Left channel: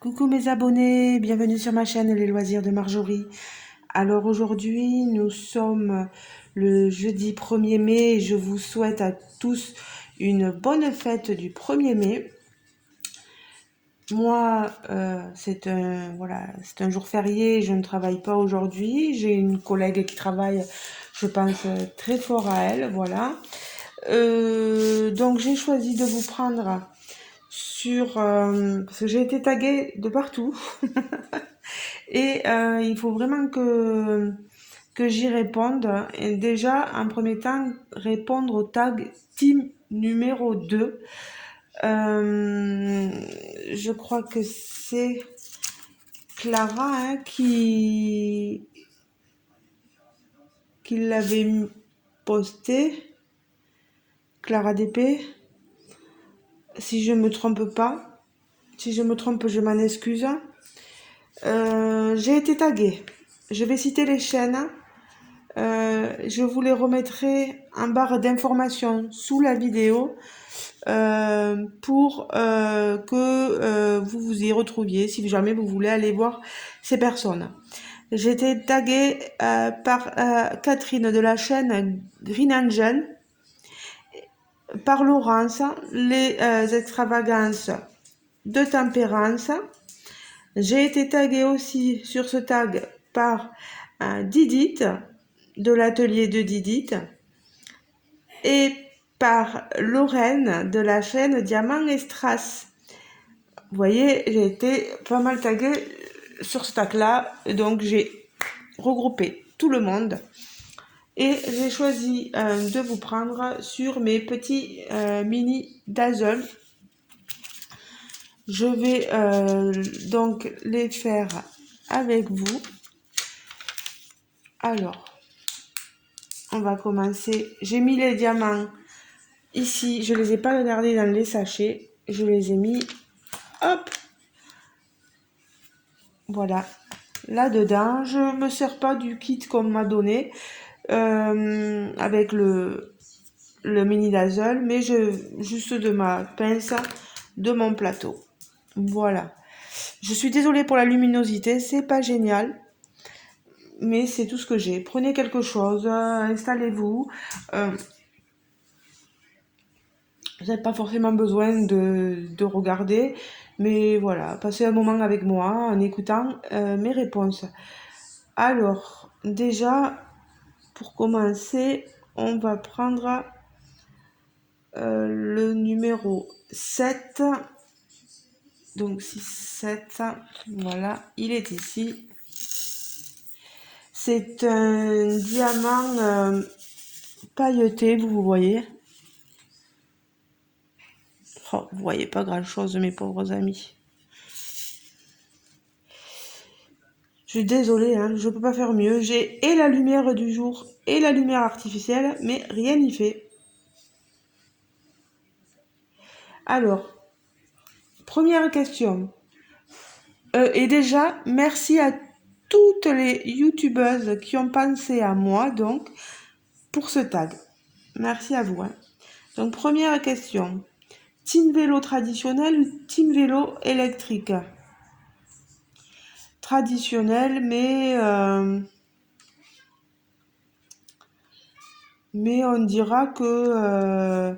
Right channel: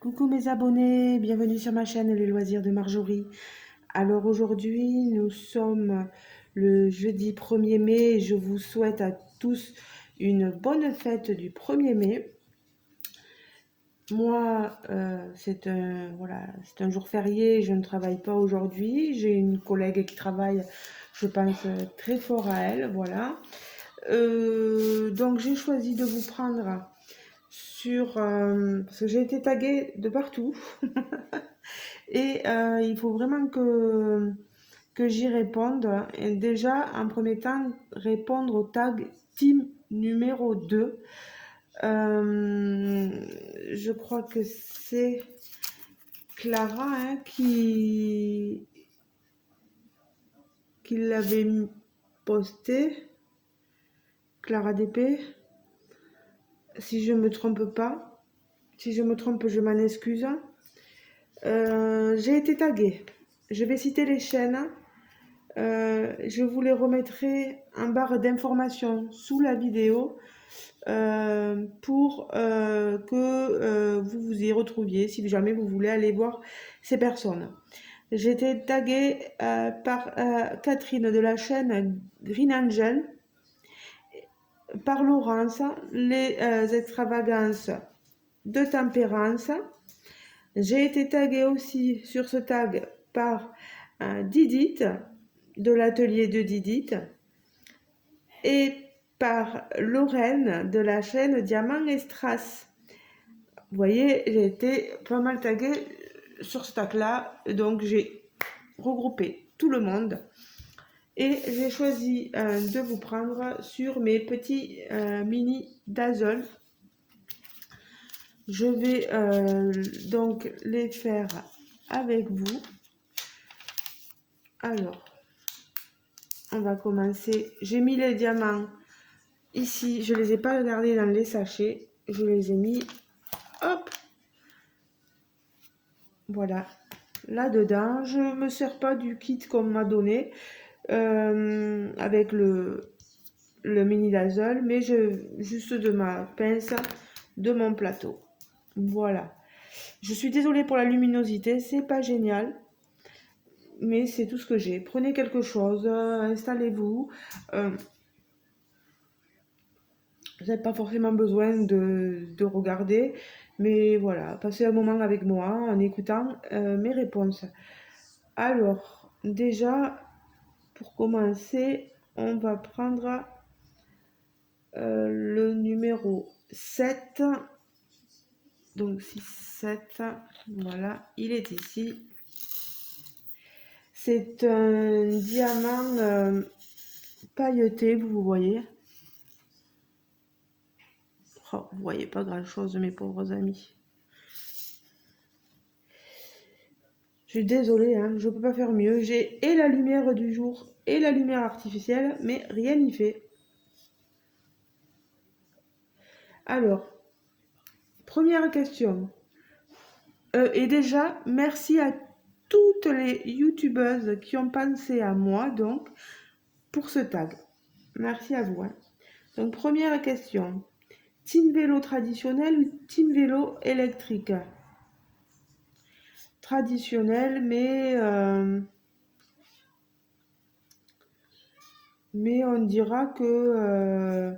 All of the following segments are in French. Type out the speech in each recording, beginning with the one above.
Coucou mes abonnés, bienvenue sur ma chaîne Les Loisirs de Marjorie. Alors aujourd'hui, nous sommes le jeudi 1er mai et je vous souhaite à tous une bonne fête du 1er mai. Moi, c'est un jour férié, je ne travaille pas aujourd'hui. J'ai une collègue qui travaille, je pense, très fort à elle, voilà. Donc j'ai choisi de vous prendre parce que j'ai été taguée de partout. Et il faut vraiment que j'y réponde. Et déjà, en premier temps, répondre au tag team numéro 2. Je crois que c'est Clara qui l'avait posté. Clara DP. Si je me trompe pas. Si je me trompe, je m'en excuse. J'ai été taguée. Je vais citer les chaînes. Je vous les remettrai en barre d'informations sous la vidéo pour que vous vous y retrouviez si jamais vous voulez aller voir ces personnes. J'ai été taguée par Catherine de la chaîne Green Angel, par Laurence, les extravagances de tempérance. J'ai été taguée aussi sur ce tag par Didit, de l'atelier de Didit, et par Lorraine de la chaîne Diamant et Strass. Vous voyez, j'ai été pas mal taguée sur ce tag-là, donc j'ai regroupé tout le monde. Et j'ai choisi de vous prendre sur mes petits mini dazzle. Je vais donc les faire avec vous. Alors, on va commencer. J'ai mis les diamants ici. Je ne les ai pas regardés dans les sachets. Je les ai mis, hop, voilà, là-dedans. Je ne me sers pas du kit qu'on m'a donné avec le mini dazzle, mais juste de ma pince, de mon plateau. Voilà. Je suis désolée pour la luminosité, c'est pas génial. Mais c'est tout ce que j'ai. Prenez quelque chose, installez-vous. Vous n'avez pas forcément besoin de regarder, mais voilà, passez un moment avec moi en écoutant mes réponses. Alors, déjà, pour commencer, on va prendre le numéro 7. Donc 6, 7, voilà, il est ici. C'est un diamant pailleté, vous voyez. Oh, vous voyez pas grand chose, mes pauvres amis. Je suis désolée, hein, je peux pas faire mieux. J'ai et la lumière du jour et la lumière artificielle, mais rien n'y fait. Alors, première question. Et déjà, merci à toutes les youtubeuses qui ont pensé à moi, donc, pour ce tag. Merci à vous. Hein. Donc, première question. Team vélo traditionnel ou team vélo électrique? Traditionnel, mais on dira que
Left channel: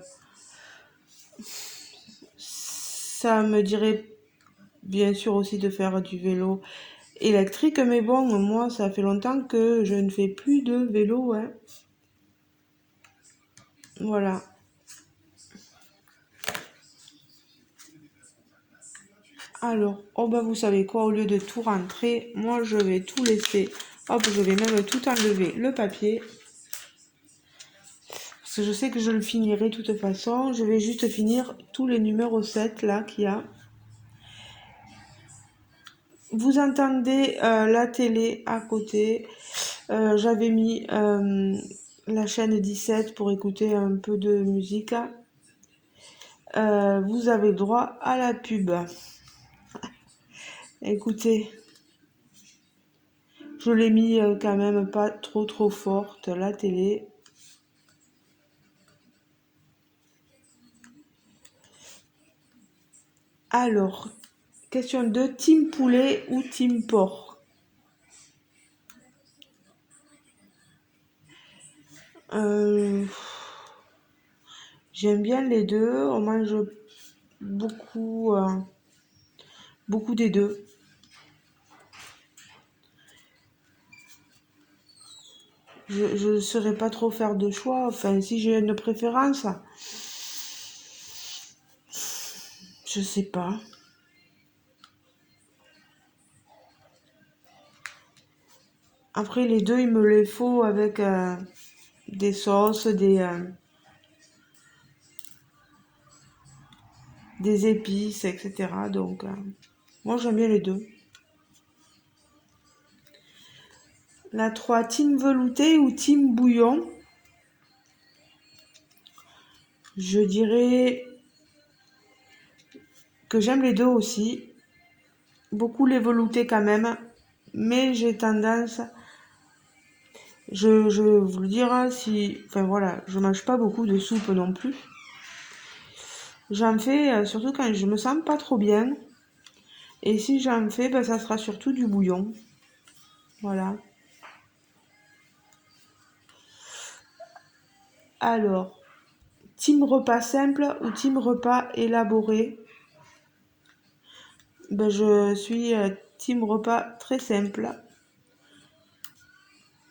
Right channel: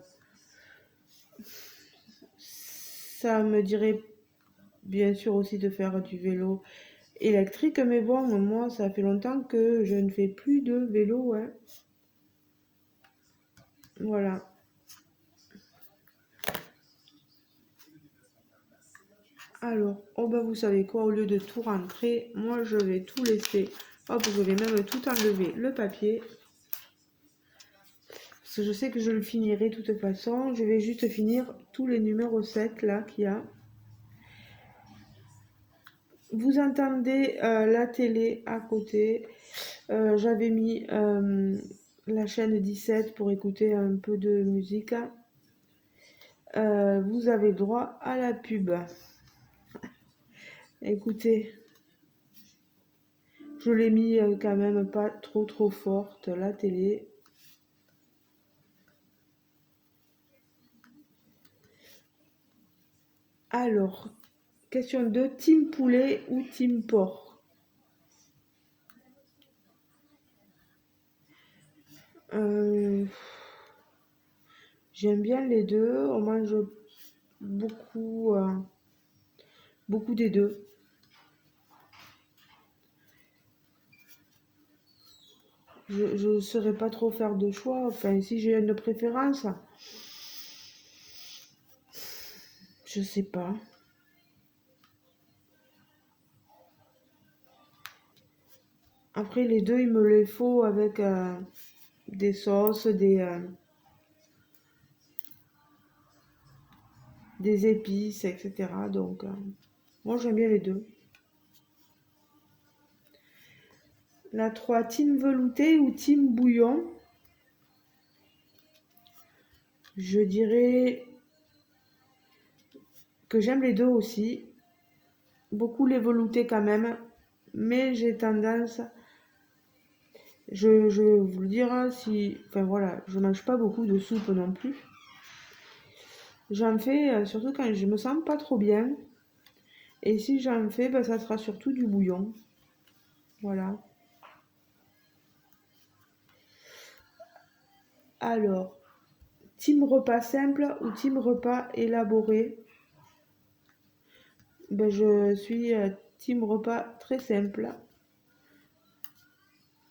ça me dirait bien sûr aussi de faire du vélo électrique, mais bon, moi, ça fait longtemps que je ne fais plus de vélo. Hein. Voilà. Alors, oh bah vous savez quoi, au lieu de tout rentrer, moi je vais tout laisser. Hop, je vais même tout enlever le papier. Parce que je sais que je le finirai de toute façon. Je vais juste finir tous les numéros 7 là qu'il y a. Vous entendez la télé à côté. J'avais mis la chaîne 17 pour écouter un peu de musique. Vous avez droit à la pub. Écoutez, je l'ai mis quand même pas trop forte, la télé. Alors, Question 2, team poulet ou team porc? Euh, J'aime bien les deux. On mange beaucoup, beaucoup des deux. Je ne saurais pas trop faire de choix. Enfin, si j'ai une préférence, je sais pas. Après, les deux, il me les faut avec des sauces, des épices, etc. Donc, moi, j'aime bien les deux. La 3, team velouté ou team bouillon? Je dirais que j'aime les deux aussi. Beaucoup les veloutés quand même. Mais j'ai tendance, je vais vous le dire, si, enfin voilà, je mange pas beaucoup de soupe non plus. J'en fais surtout quand je me sens pas trop bien. Et si j'en fais, ben, ça sera surtout du bouillon. Voilà. Alors, team repas simple ou team repas élaboré? Ben, je suis team repas très simple.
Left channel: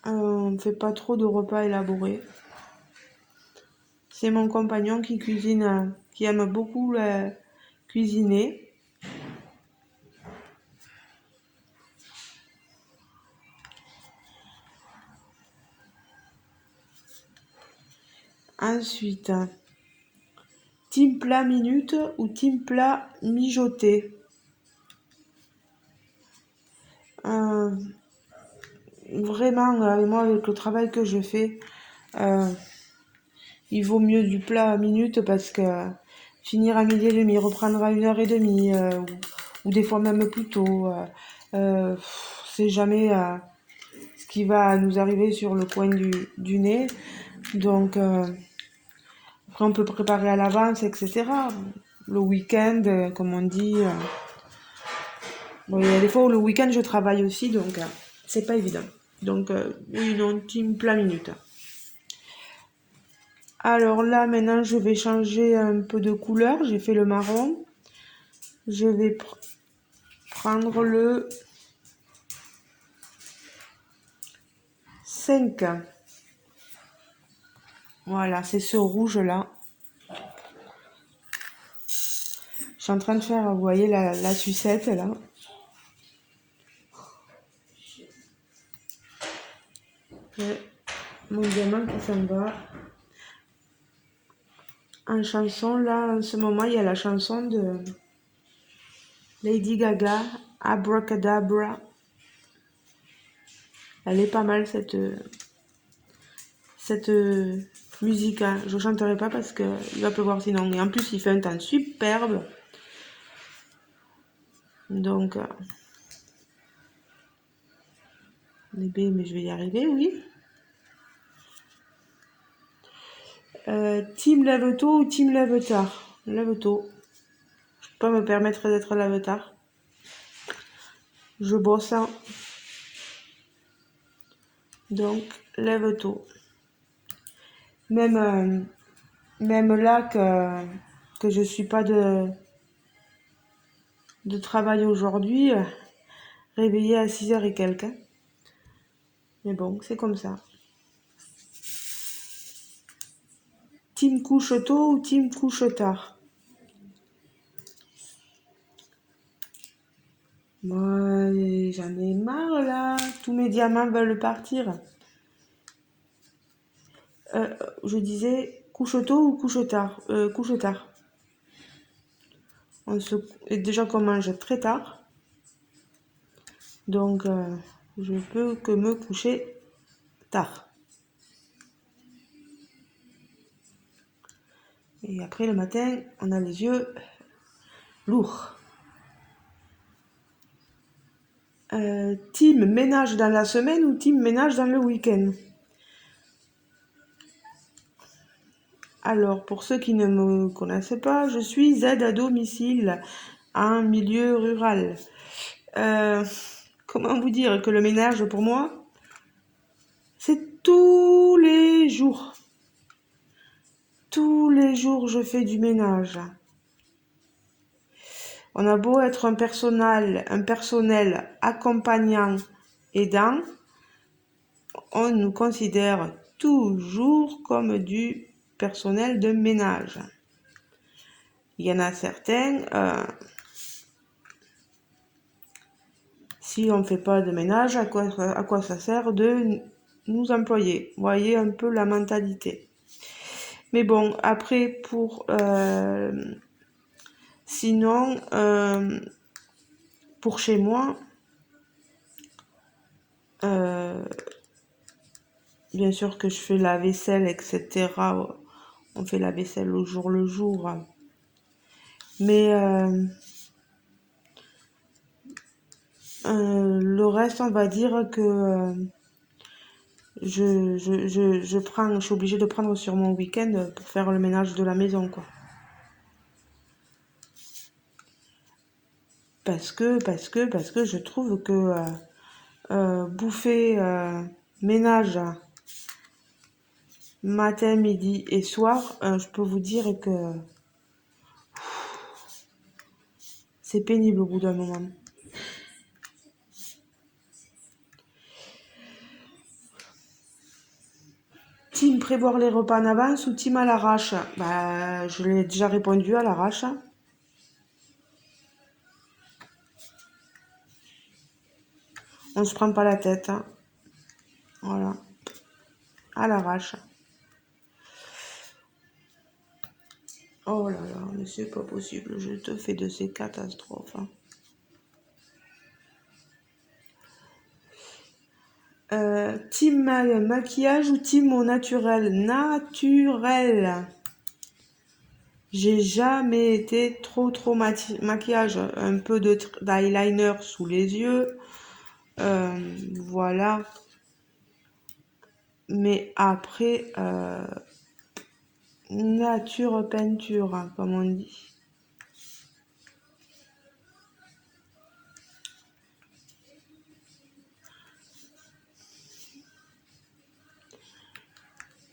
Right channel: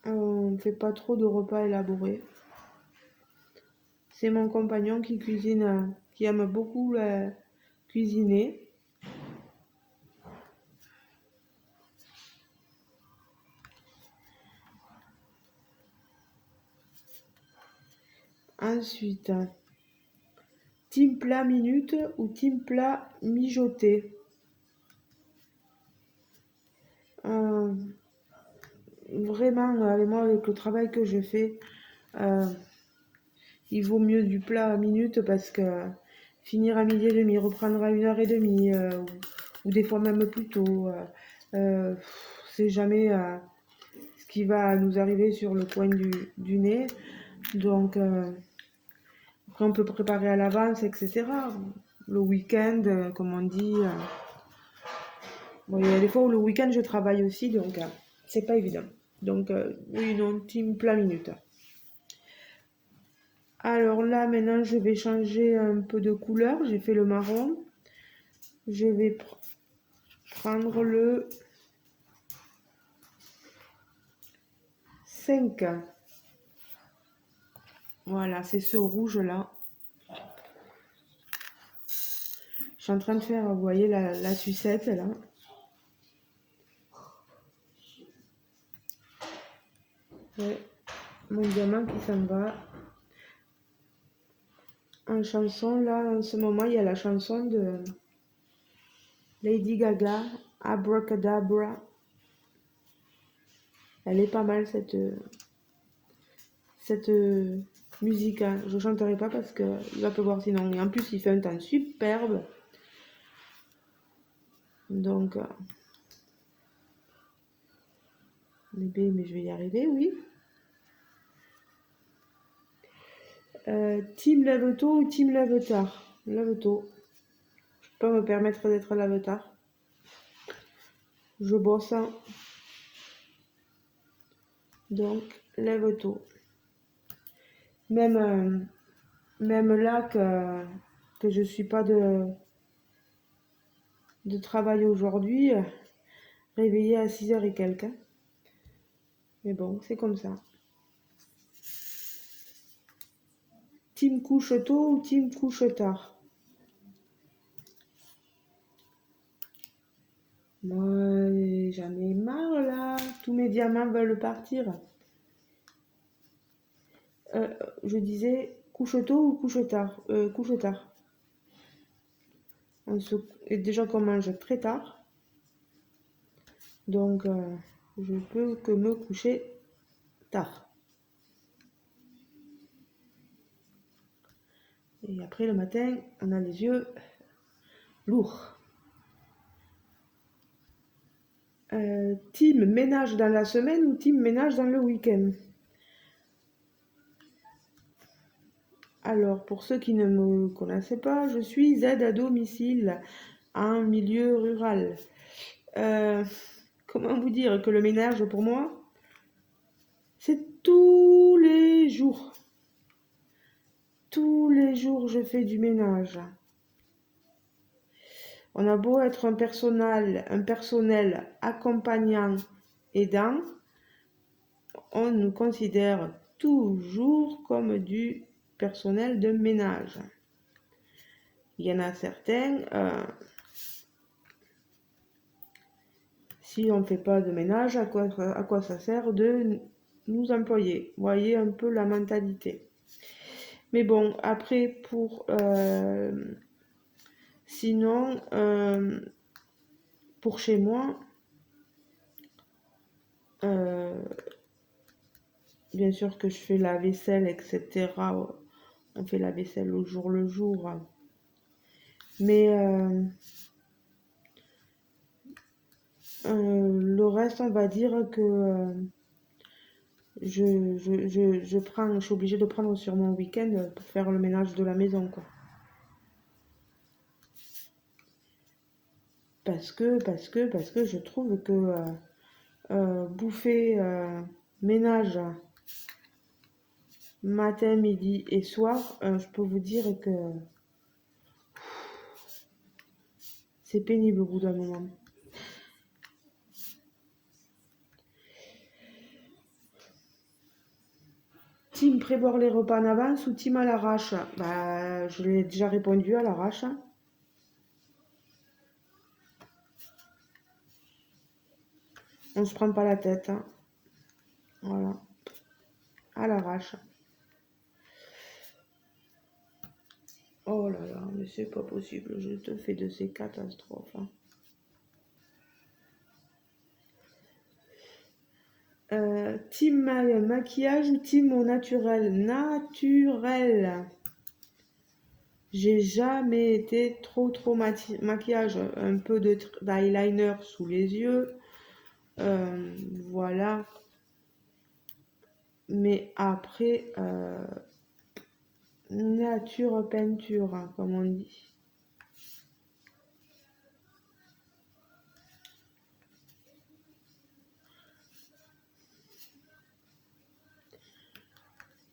On ne fait pas trop de repas élaborés. C'est mon compagnon qui cuisine, qui aime beaucoup cuisiner. Ensuite, team plat minute ou team plat mijoté? Euh, Vraiment, moi, avec le travail que je fais, euh, il vaut mieux du plat à minute parce que finir à midi et demi, reprendre à 1h30, ou des fois même plus tôt, c'est jamais ce qui va nous arriver sur le coin du nez. Donc, après, on peut préparer à l'avance, etc. Le week-end, comme on dit. Bon, il y a des fois où le week-end, je travaille aussi, donc c'est pas évident. Donc, oui, non, team plat minute. Alors là, maintenant, je vais changer un peu de couleur. J'ai fait le marron. Je vais prendre le 5. Voilà, c'est ce rouge-là. Je suis en train de faire, vous voyez, la sucette, là. J'ai mon gamin qui s'en va. En chanson, là, en ce moment, il y a la chanson de Lady Gaga, Abracadabra. Elle est pas mal, cette musique, hein. Je chanterai pas parce qu'il va pleuvoir sinon. Et en plus, il fait un temps superbe. Donc, mais je vais y arriver, oui. Team lève tôt ou team lève tard? Lève tôt. Je peux pas me permettre d'être lève tard. Je bosse, hein. Donc, lève tôt. Même là que je suis pas de travail aujourd'hui, réveillée à 6h et quelques. Hein. Mais bon, c'est comme ça. Team couche tôt ou team couche tard? Moi, j'en ai marre là. Tous mes diamants veulent partir. Je disais couche tôt ou couche tard? Couche tard. Et déjà qu'on mange très tard. Donc, je peux que me coucher tard. Et après, le matin, on a les yeux lourds. Team ménage dans la semaine ou team ménage dans le week-end? Alors, pour ceux qui ne me connaissent pas, je suis aide à domicile. en milieu rural. Euh, Comment vous dire que le ménage, pour moi, c'est tous les jours. Tous les jours, je fais du ménage. On a beau être un personnel accompagnant, aidant, on nous considère toujours comme du personnel de ménage. Il y en a certains, si on ne fait pas de ménage, à quoi ça sert de nous employer? Vous voyez un peu la mentalité. Mais bon, après, sinon, pour chez moi, bien sûr que je fais la vaisselle, etc. On fait la vaisselle au jour le jour. Mais le reste, on va dire que je suis obligée de prendre sur mon week-end pour faire le ménage de la maison, quoi. Parce que je trouve que bouffer, ménage, matin, midi et soir, je peux vous dire que c'est pénible au bout d'un moment. Team prévoir les repas en avance ou team à l'arrache? Bah, je l'ai déjà répondu, à l'arrache. On se prend pas la tête. Voilà, à l'arrache. Oh là là, mais c'est pas possible, je te fais de ces catastrophes. Team maquillage ou team au naturel? Naturel. J'ai jamais été trop maquillage. Un peu d'eyeliner sous les yeux. Voilà. Mais après, nature peinture, hein, comme on dit.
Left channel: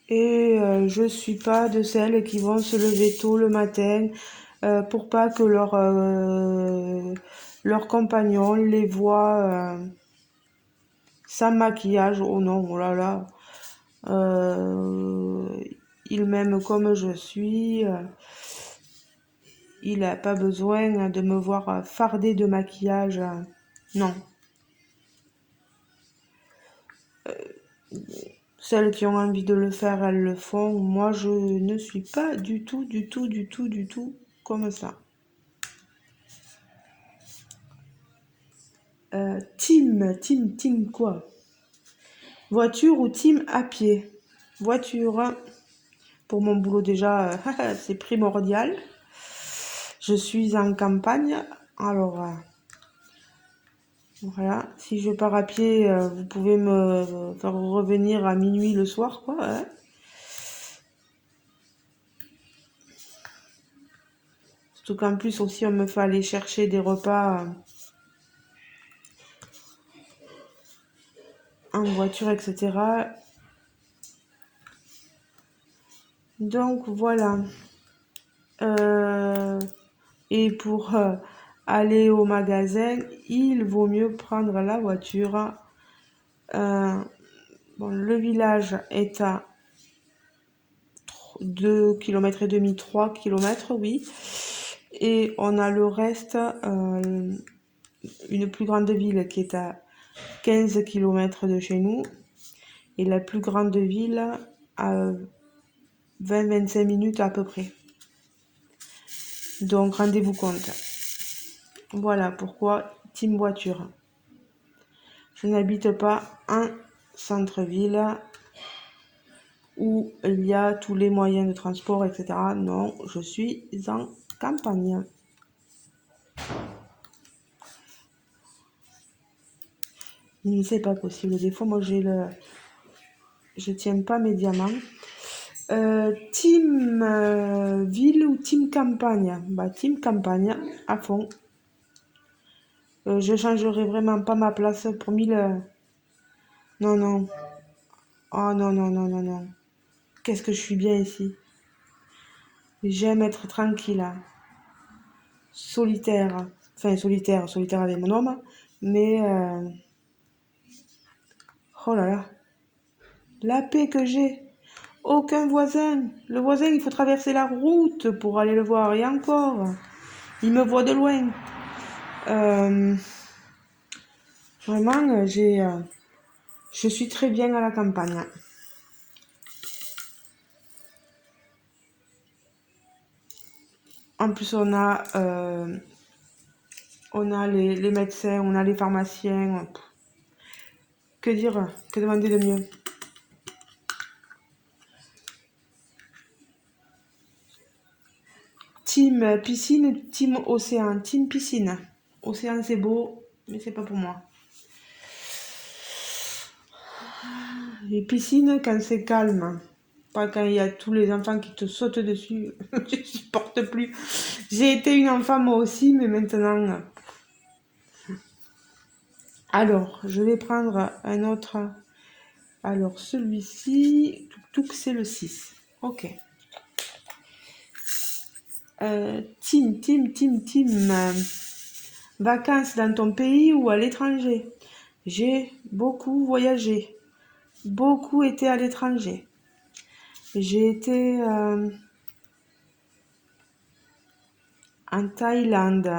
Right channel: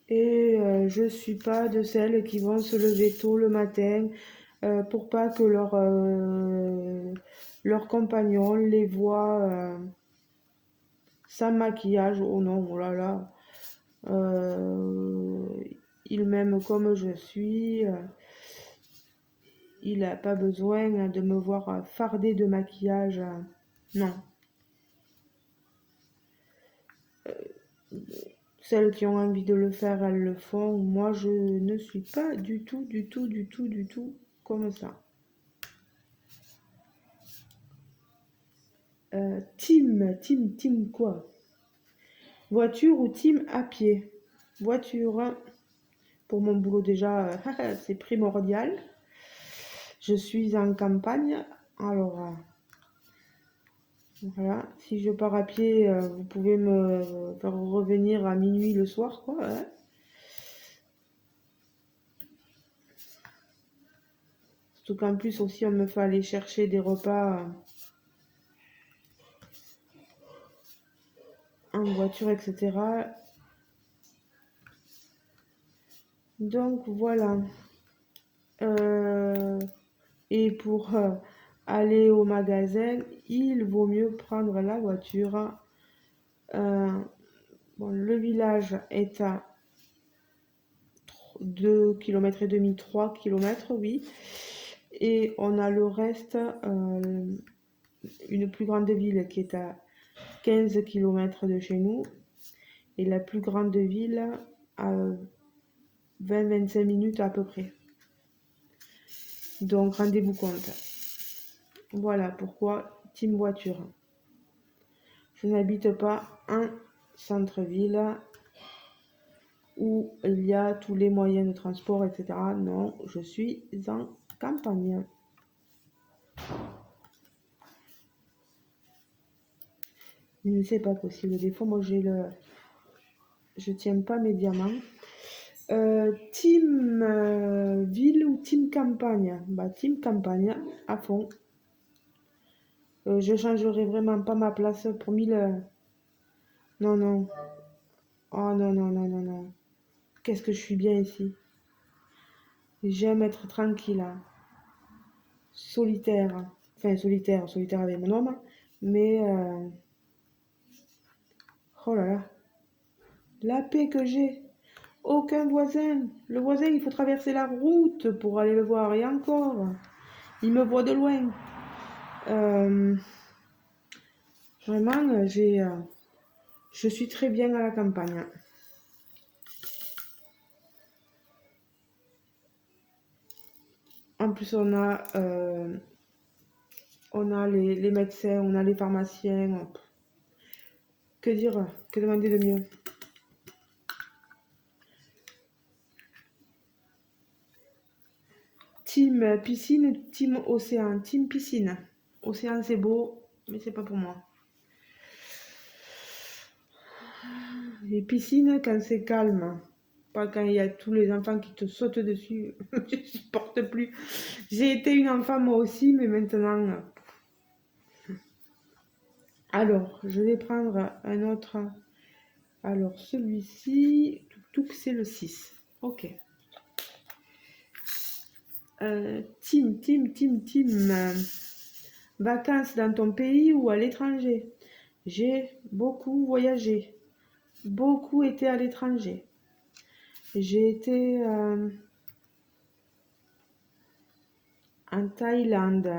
Et je suis pas de celles qui vont se lever tôt le matin pour pas que leur compagnon les voit sans maquillage. Oh non, oh là là. Euh, il m'aime comme je suis. Il n'a pas besoin de me voir fardée de maquillage. Non. Celles qui ont envie de le faire, elles le font. Moi, je ne suis pas du tout comme ça. Team quoi? Voiture ou team à pied? Voiture, hein. Pour mon boulot déjà, c'est primordial. Je suis en campagne, alors voilà. Si je pars à pied, vous pouvez me faire revenir à minuit le soir, quoi, hein. Surtout qu'en plus aussi, on me fait aller chercher des repas en voiture, etc. Donc voilà. Et pour aller au magasin, il vaut mieux prendre la voiture. Bon, le village est à 2,5 km, 3 km, oui. Et on a le reste, une plus grande ville qui est à 15 km de chez nous. Et la plus grande ville à 20-25 minutes à peu près. Donc rendez-vous compte. Voilà pourquoi team voiture. Je n'habite pas en centre-ville où il y a tous les moyens de transport, etc. Non, je suis en campagne. Mais c'est pas possible. Des fois, moi, je tiens pas mes diamants. Team ville ou team campagne? Bah, team campagne à fond. Je changerai vraiment pas ma place pour 1000. Non, non. Oh non, non, non, non, non. Qu'est-ce que je suis bien ici. J'aime être tranquille, hein. Solitaire. Enfin, solitaire, solitaire avec mon homme. Mais, oh là là, la paix que j'ai. Aucun voisin. Le voisin, il faut traverser la route pour aller le voir. Et encore, il me voit de loin. Euh, Vraiment, je suis très bien à la campagne. En plus, on a les médecins, on a les pharmaciens. Que dire? Que demander de mieux? Team piscine, team océan, team piscine. Océan, c'est beau, mais c'est pas pour moi. Et piscine, quand c'est calme. Pas quand il y a tous les enfants qui te sautent dessus. Je supporte plus. J'ai été une enfant moi aussi, mais maintenant. Alors, je vais prendre un autre. Alors, celui-ci, tout c'est le 6. Ok. Team. Vacances dans ton pays ou à l'étranger? J'ai beaucoup voyagé, beaucoup été à l'étranger. J'ai été en Thaïlande,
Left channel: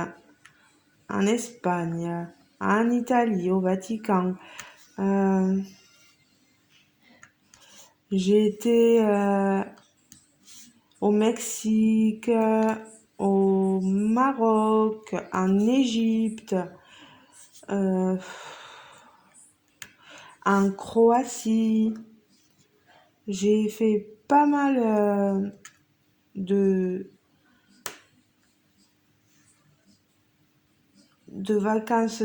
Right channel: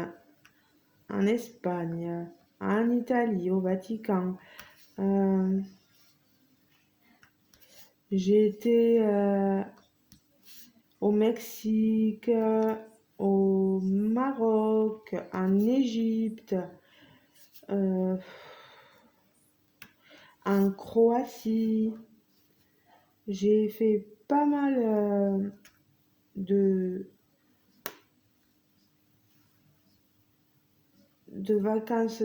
en Espagne, en Italie, au Vatican. Euh, j'ai été au Mexique, au Maroc, en Égypte, euh, en Croatie. J'ai fait pas mal de, de vacances,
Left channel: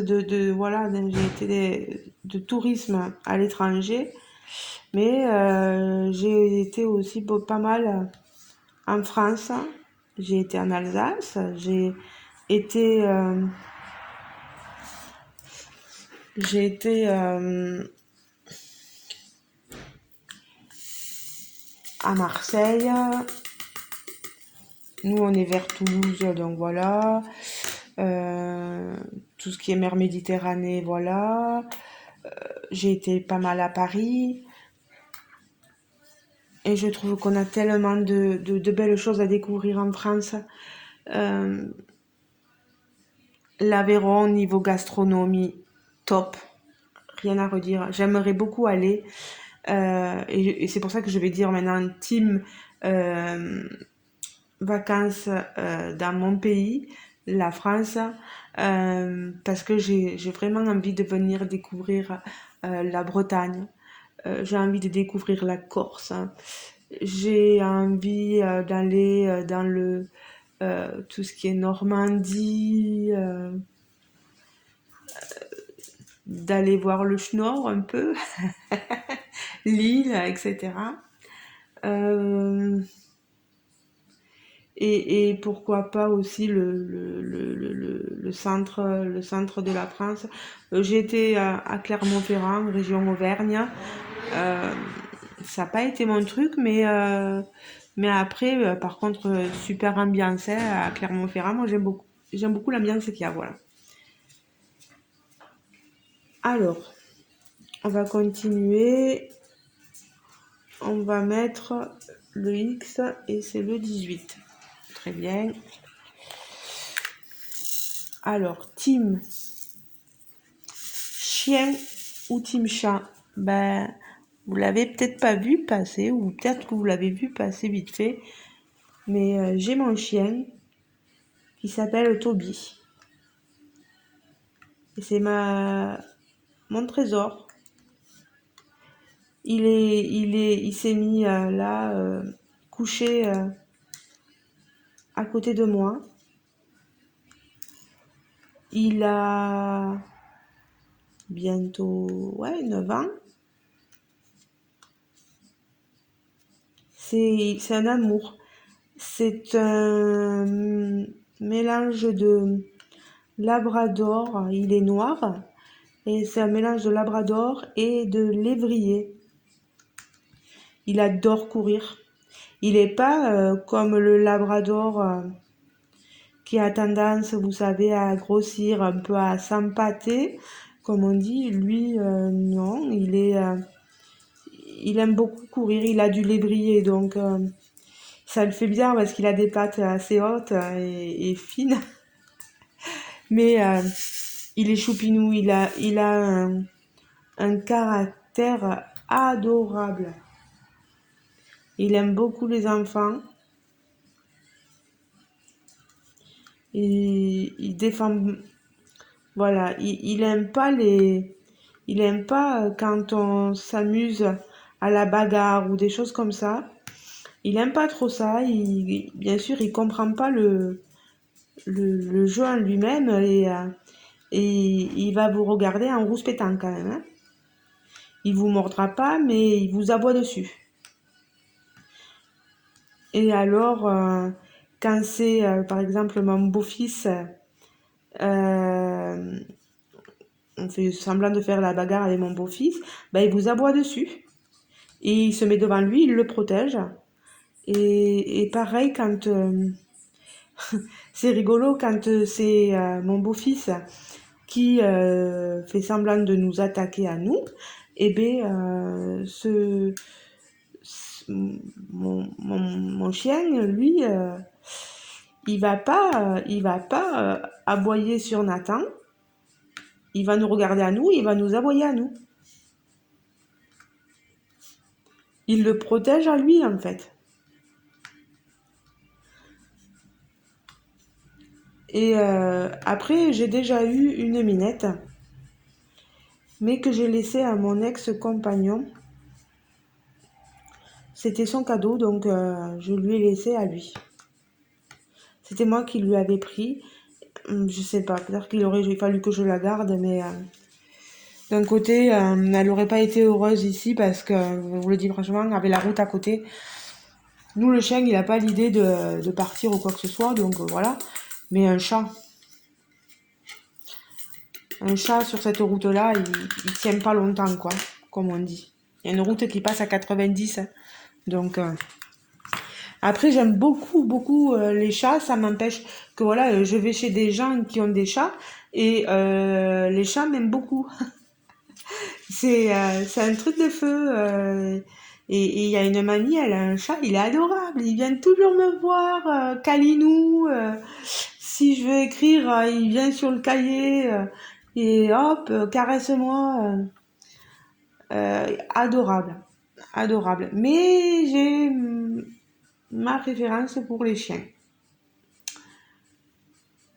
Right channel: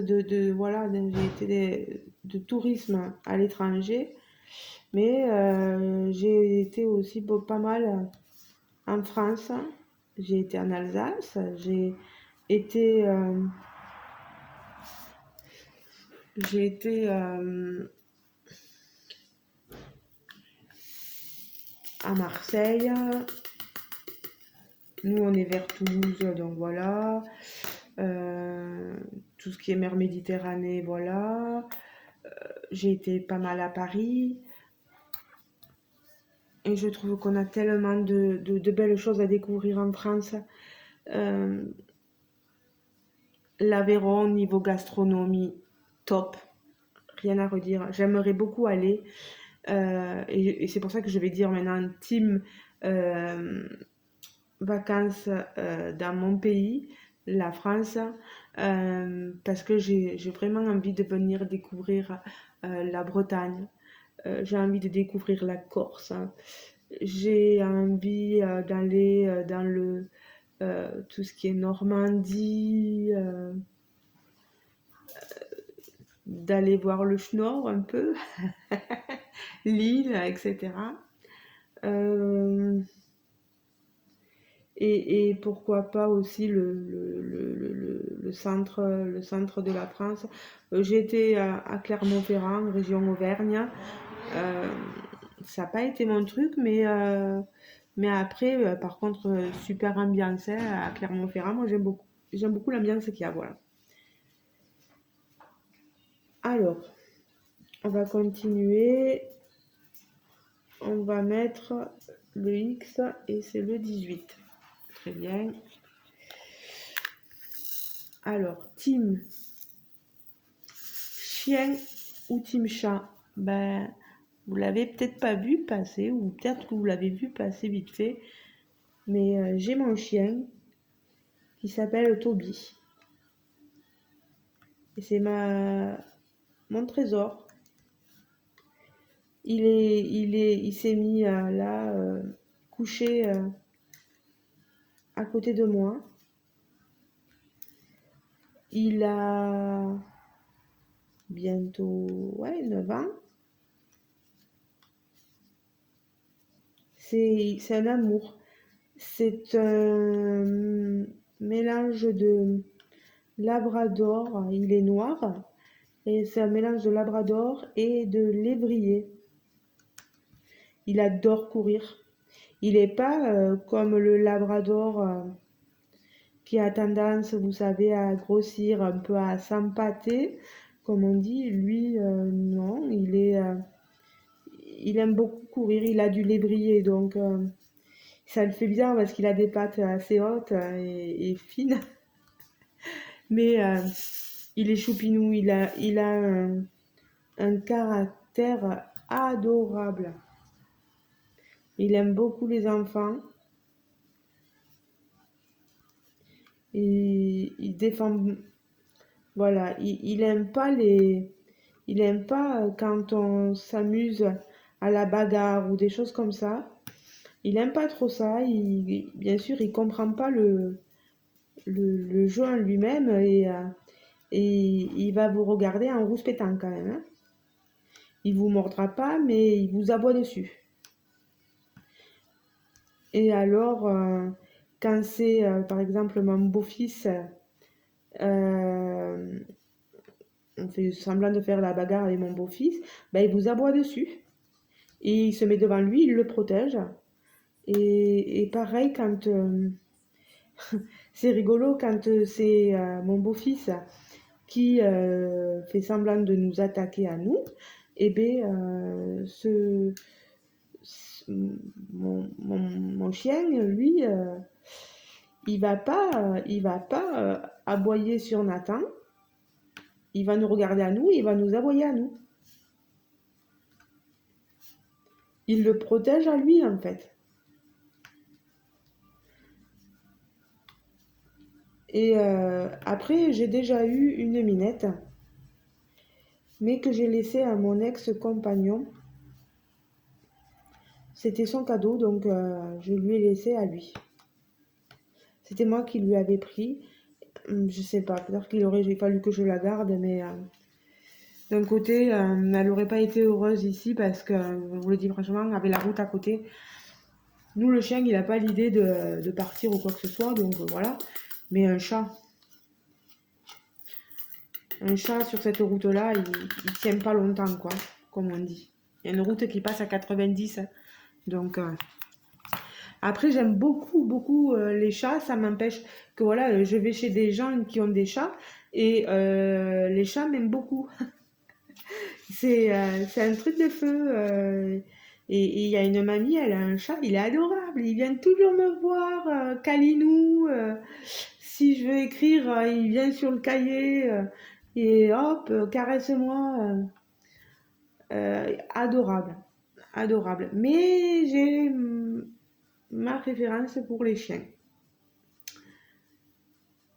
voilà, j'ai été de tourisme à l'étranger, mais j'ai été aussi pas mal en France. J'ai été en Alsace, été, euh, j'ai été à Marseille. Nous, on est vers Toulouse, donc voilà. Tout ce qui est mer Méditerranée, voilà. J'ai été pas mal à Paris. Et je trouve qu'on a tellement de belles choses à découvrir en France. Euh, L'Aveyron, niveau gastronomie, top. Rien à redire. J'aimerais beaucoup aller. Et c'est pour ça que je vais dire maintenant team euh, vacances dans mon pays, la France, parce que j'ai vraiment envie de venir découvrir la Bretagne. J'ai envie de découvrir la Corse, hein. J'ai envie d'aller dans tout ce qui est Normandie, d'aller voir le Schnorr un peu, Lille, etc. Euh, et pourquoi pas aussi le centre de la France. J'ai été à Clermont-Ferrand, région Auvergne. Euh, Ça n'a pas été mon truc, mais après, par contre, super ambiance hein, à Clermont-Ferrand. Moi, j'aime beaucoup l'ambiance qu'il y a, voilà. Alors, on va continuer. On va mettre le X et c'est le 18. Très bien. Alors, team chien ou team chat? Ben, vous l'avez peut-être pas vu passer, ou peut-être que vous l'avez vu passer vite fait, mais j'ai mon chien qui s'appelle Toby. Et c'est mon trésor. Il s'est mis là, couché à côté de moi. Il a bientôt, ouais, 9 ans. C'est un amour. C'est un mélange Labrador, il est noir. Et c'est un mélange de labrador et de lévrier. Il adore courir. Il n'est pas comme le labrador qui a tendance, vous savez, à grossir, un peu à s'empâter, comme on dit. Lui, non, il aime beaucoup courir. Il a du lévrier, donc ça le fait bien parce qu'il a des pattes assez hautes et fines. Mais il est choupinou, il a un caractère adorable. Il aime beaucoup les enfants et il défend. Voilà, il aime pas quand on s'amuse à la bagarre ou des choses comme ça. Il aime pas trop ça. Bien sûr, il comprend pas le jeu en lui-même et il va vous regarder en rouspétant quand même, hein. Il vous mordra pas, mais il vous aboie dessus. Et alors, quand c'est par exemple mon beau-fils, euh, on fait semblant de faire la bagarre avec mon beau-fils, ben, il vous aboie dessus. Et il se met devant lui, il le protège. Et pareil, quand c'est rigolo, quand c'est mon beau-fils qui fait semblant de nous attaquer à nous, et bien, mon chien, lui, il va pas aboyer sur Nathan. Il va nous regarder à nous, il va nous aboyer à nous. Il le protège à lui, en fait. Et après, j'ai déjà eu une minette, mais que j'ai laissée à mon ex-compagnon. C'était son cadeau, donc je lui ai laissé à lui. C'était moi qui lui avais pris. Je sais pas, peut-être qu'il aurait fallu que je la garde, mais d'un côté, elle n'aurait pas été heureuse ici parce que, je vous le dis franchement, avec la route à côté, nous, le chien, il n'a pas l'idée de partir ou quoi que ce soit, donc voilà. Mais un chat sur cette route-là, il tient pas longtemps, quoi, comme on dit. Il y a une route qui passe à 90, hein. Donc, après, j'aime beaucoup, beaucoup les chats. Ça m'empêche que, voilà, je vais chez des gens qui ont des chats et les chats m'aiment beaucoup. C'est un truc de feu. Et il y a une mamie, elle a un chat, il est adorable. Il vient toujours me voir, câlinou. Si je veux écrire, il vient sur le cahier et hop, caresse-moi. Adorable, adorable. Mais j'ai ma préférence pour les chiens.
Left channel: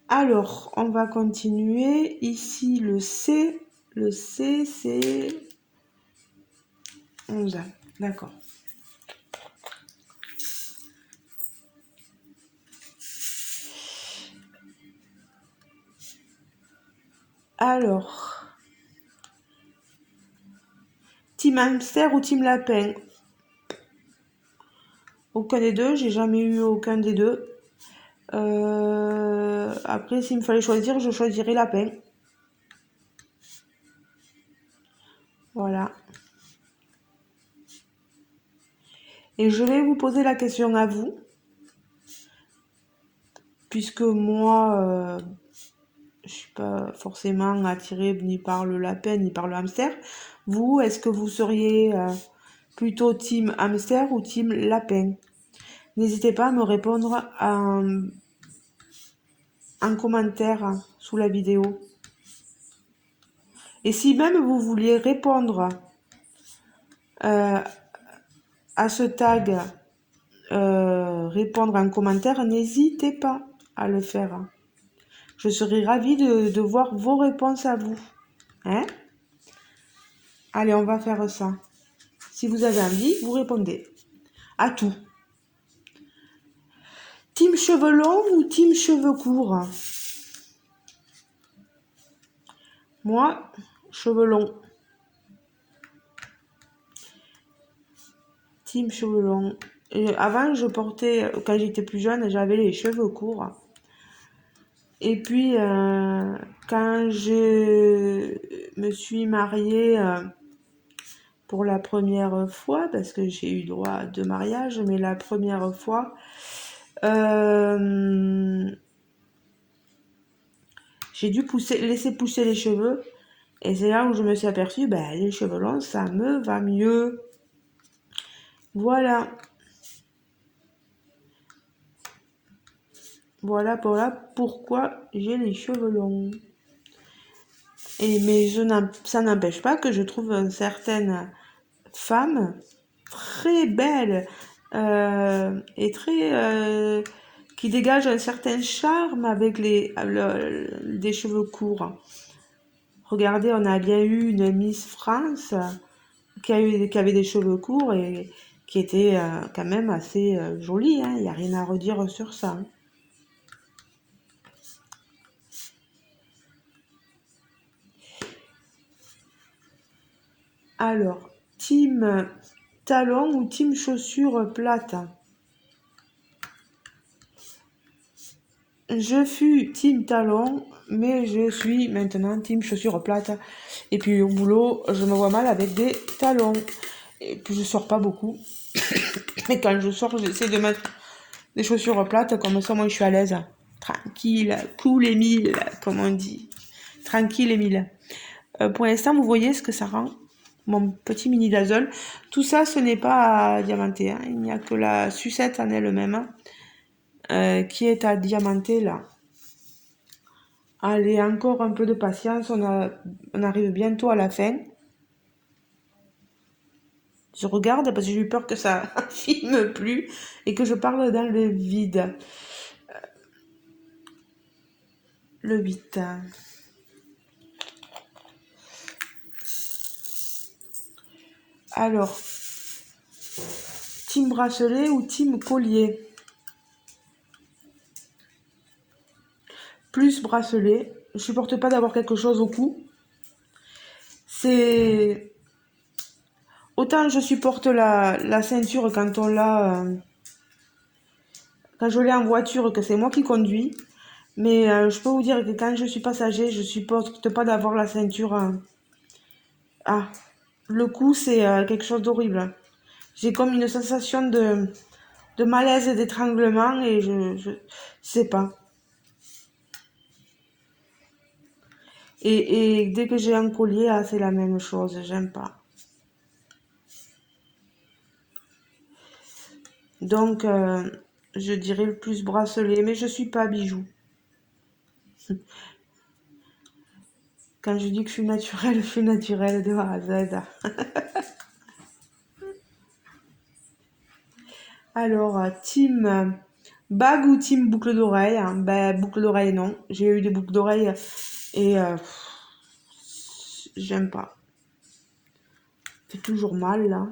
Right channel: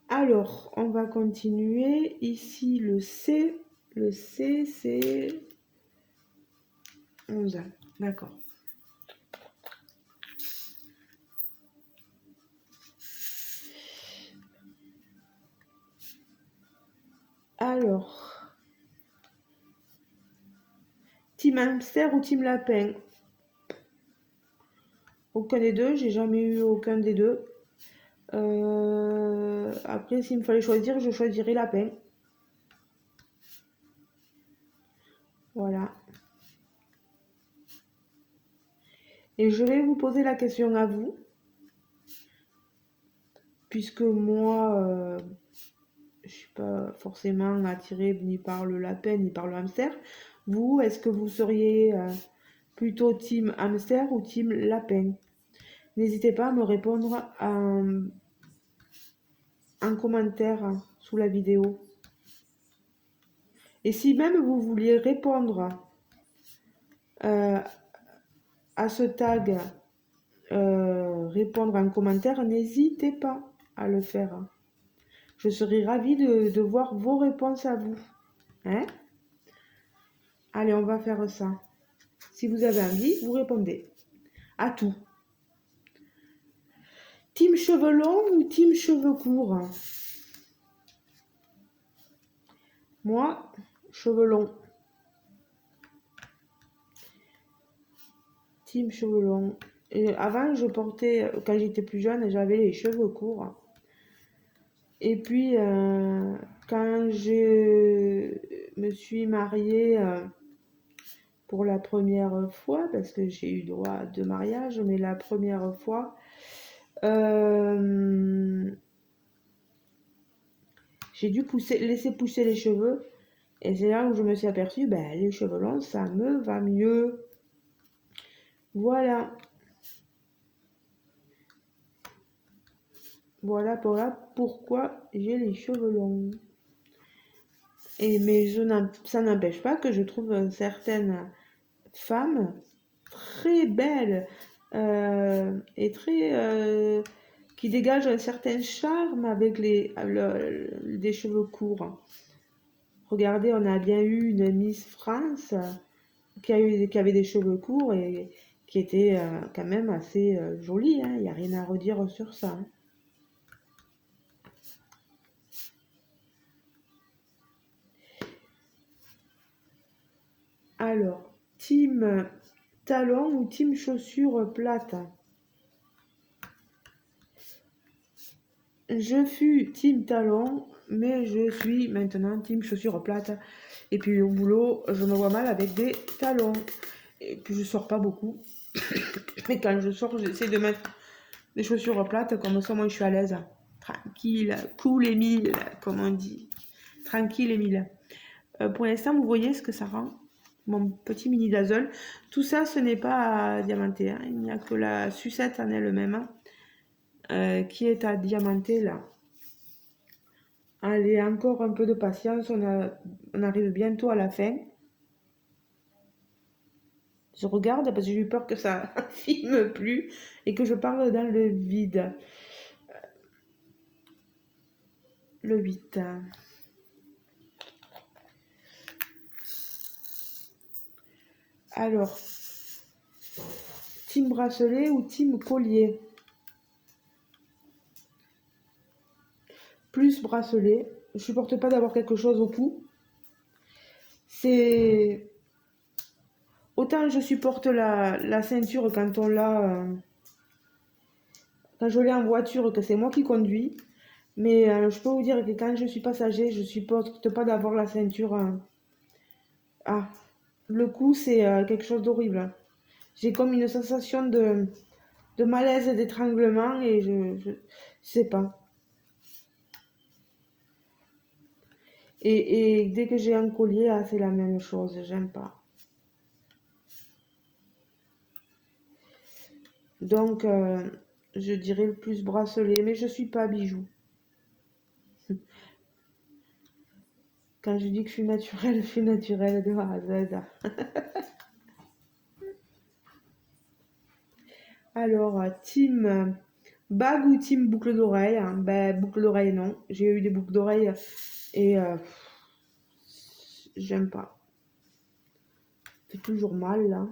Alors, on va continuer. Ici, le C. Le C, c'est 11. D'accord. Alors, team hamster ou team lapin? Aucun des deux, j'ai jamais eu aucun des deux. Après, s'il me fallait choisir, je choisirais lapin. Voilà. Et je vais vous poser la question à vous, puisque moi, je suis pas forcément attirée ni par le lapin ni par le hamster. Vous, est-ce que vous seriez plutôt team hamster ou team lapin? N'hésitez pas à me répondre en commentaire sous la vidéo. Et si même vous vouliez répondre à ce tag, répondre en commentaire, n'hésitez pas à le faire. Je serai ravie de voir vos réponses à vous. Hein? Allez, on va faire ça. Si vous avez envie, vous répondez à tout. Team cheveux longs ou team cheveux courts? Moi, cheveux longs. Team cheveux longs. Et avant, je portais, quand j'étais plus jeune, j'avais les cheveux courts. Et puis, quand je me suis mariée pour la première fois, parce que j'ai eu droit à 2 mariages, mais la première fois, euh, j'ai dû laisser pousser les cheveux. Et c'est là où je me suis aperçue, ben, les cheveux longs, ça me va mieux. Voilà. Voilà pourquoi j'ai les cheveux longs. Mais ça n'empêche pas que je trouve certaines femmes très belles et très qui dégagent un certain charme avec des cheveux courts. Regardez, on a bien eu une Miss France qui avait des cheveux courts et qui était quand même assez jolie. Il n'y a rien à redire sur ça. Alors, team talon ou team chaussures plates? Je fus team talon, mais je suis maintenant team chaussures plates. Et puis au boulot, je me vois mal avec des talons. Et puis je sors pas beaucoup. Mais quand je sors, j'essaie de mettre des chaussures plates, comme ça moi je suis à l'aise. Tranquille, cool et mille, comme on dit. Tranquille et mille. Pour l'instant, vous voyez ce que ça rend. Mon petit mini dazzle. Tout ça, ce n'est pas à diamanter. Hein. Il n'y a que la sucette en elle-même qui est à diamanter là. Allez, encore un peu de patience. On arrive bientôt à la fin. Je regarde parce que j'ai eu peur que ça filme plus et que je parle dans le vide. Le 8. Alors, team bracelet ou team collier? Plus bracelet. Je supporte pas d'avoir quelque chose au cou. C'est... Autant je supporte la ceinture quand on l'a... quand je l'ai en voiture, que c'est moi qui conduis. Mais je peux vous dire que quand je suis passager, je supporte pas d'avoir la ceinture... Ah, le cou, c'est quelque chose d'horrible. J'ai comme une sensation de malaise et d'étranglement et je sais pas. Et dès que j'ai un collier, ah, c'est la même chose, j'aime pas. Donc, je dirais le plus bracelet, mais je suis pas bijou. Quand je dis que je suis naturelle de A à Z. Alors, team bague ou team boucle d'oreille? Ben, boucle d'oreille, non. J'ai eu des boucles d'oreille et j'aime pas. C'est toujours mal, là.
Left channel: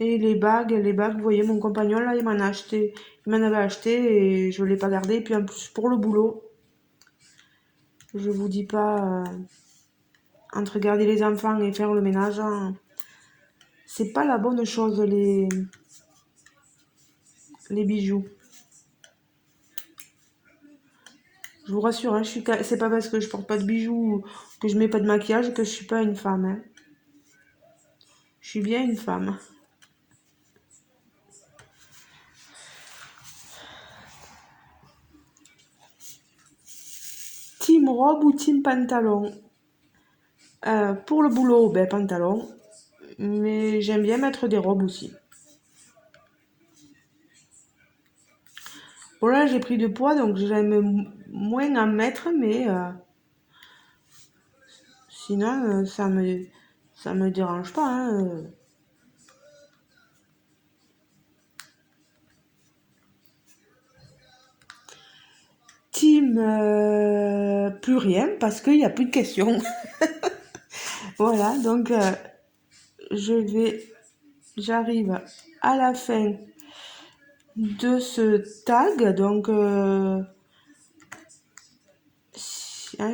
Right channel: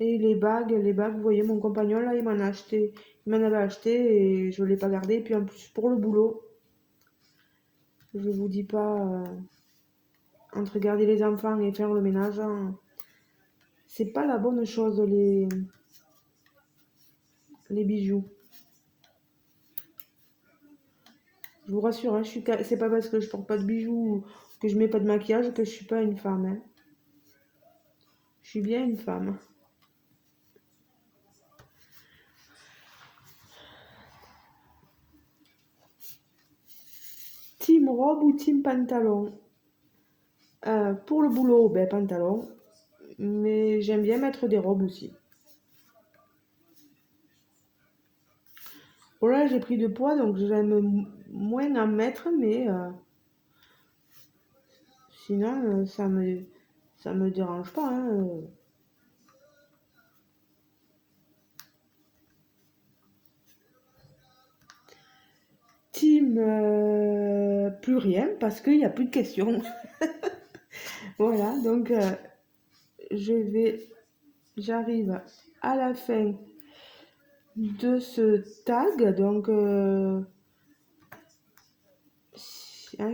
Et les bagues, vous voyez, mon compagnon, là, il m'en a acheté. Il m'en avait acheté et je ne l'ai pas gardé. Et puis en plus, pour le boulot, je vous dis pas, entre garder les enfants et faire le ménage, hein, c'est pas la bonne chose, les bijoux. Je vous rassure, hein, c'est pas parce que je porte pas de bijoux ou que je mets pas de maquillage que je suis pas une femme. Hein. Je suis bien une femme. Team robe ou team pantalon? Pour le boulot, ben pantalon. Mais j'aime bien mettre des robes aussi. Bon là j'ai pris du poids donc j'aime moins en mettre mais sinon ça me dérange pas. Hein. Team plus rien parce qu'il n'y a plus de questions. Voilà donc j'arrive à la fin de ce tag donc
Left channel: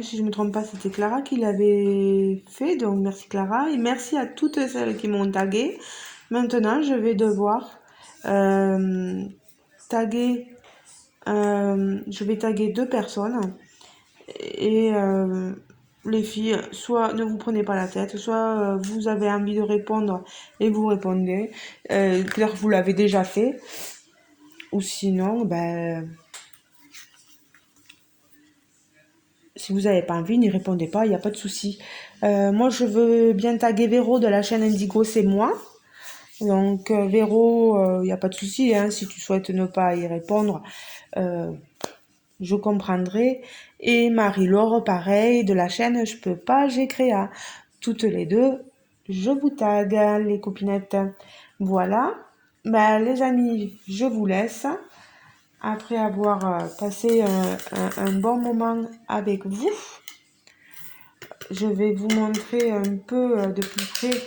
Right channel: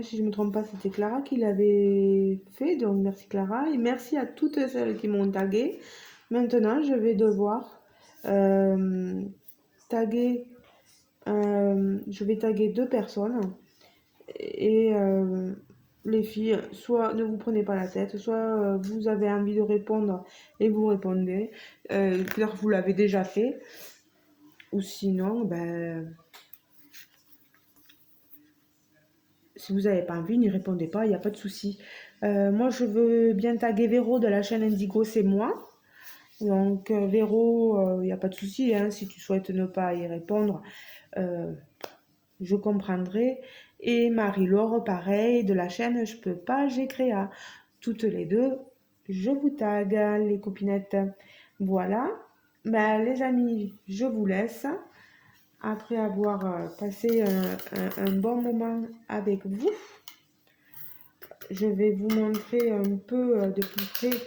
si je me trompe pas, c'était Clara qui l'avait fait. Donc merci Clara et merci à toutes celles qui m'ont tagué. Maintenant, je vais devoir taguer, je vais taguer 2 personnes et les filles, soit ne vous prenez pas la tête, soit vous avez envie de répondre et vous répondez. Peut-être que vous l'avez déjà fait, ou sinon, ben, si vous n'avez pas envie, n'y répondez pas, il n'y a pas de souci. Moi, je veux bien taguer Véro de la chaîne Indigo, c'est moi. Donc, Véro, il n'y a pas de souci, hein, si tu souhaites ne pas y répondre, je comprendrai. Et Marie-Laure, pareil, de la chaîne Je peux pas, j'ai créé. Toutes les deux, je vous tag, les copinettes. Voilà. Ben, les amis, je vous laisse. Après avoir passé un bon moment avec vous, je vais vous montrer un peu de plus près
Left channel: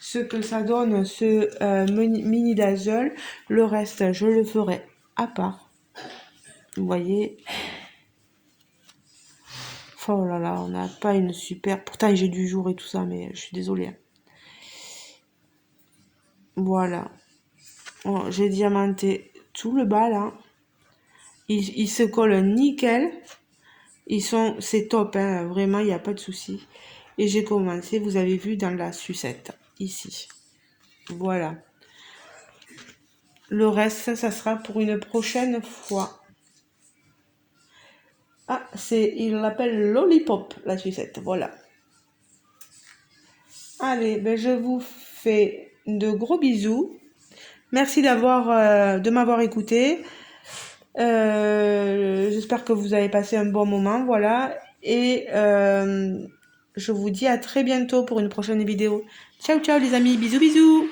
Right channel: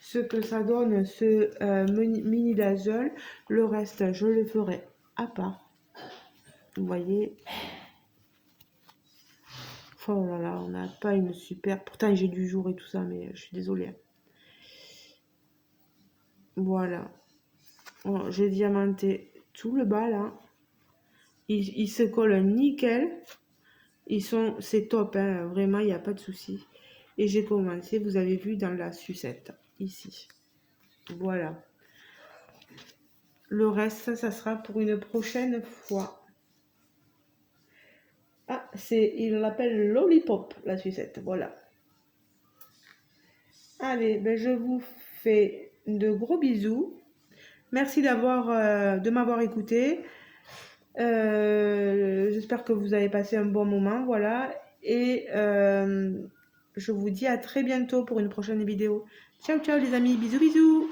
ce que ça donne ce mini dazzle. Le reste, je le ferai à part. Vous voyez. Oh là là, on n'a pas une super... Pourtant, j'ai du jour et tout ça, mais je suis désolée. Voilà. Bon, j'ai diamanté tout le bas, là. Ils se collent nickel. C'est top, hein. Vraiment, il n'y a pas de souci. Et j'ai commencé, vous avez vu, dans la sucette, ici. Voilà. Le reste, ça sera pour une prochaine fois. Ah, il l'appelle Lollipop, la sucette, voilà. Allez, ben je vous fais de gros bisous. Merci de m'avoir écouté. J'espère que vous avez passé un bon moment, voilà. Et je vous dis à très bientôt pour une prochaine vidéo. Ciao, ciao les amis, bisous, bisous.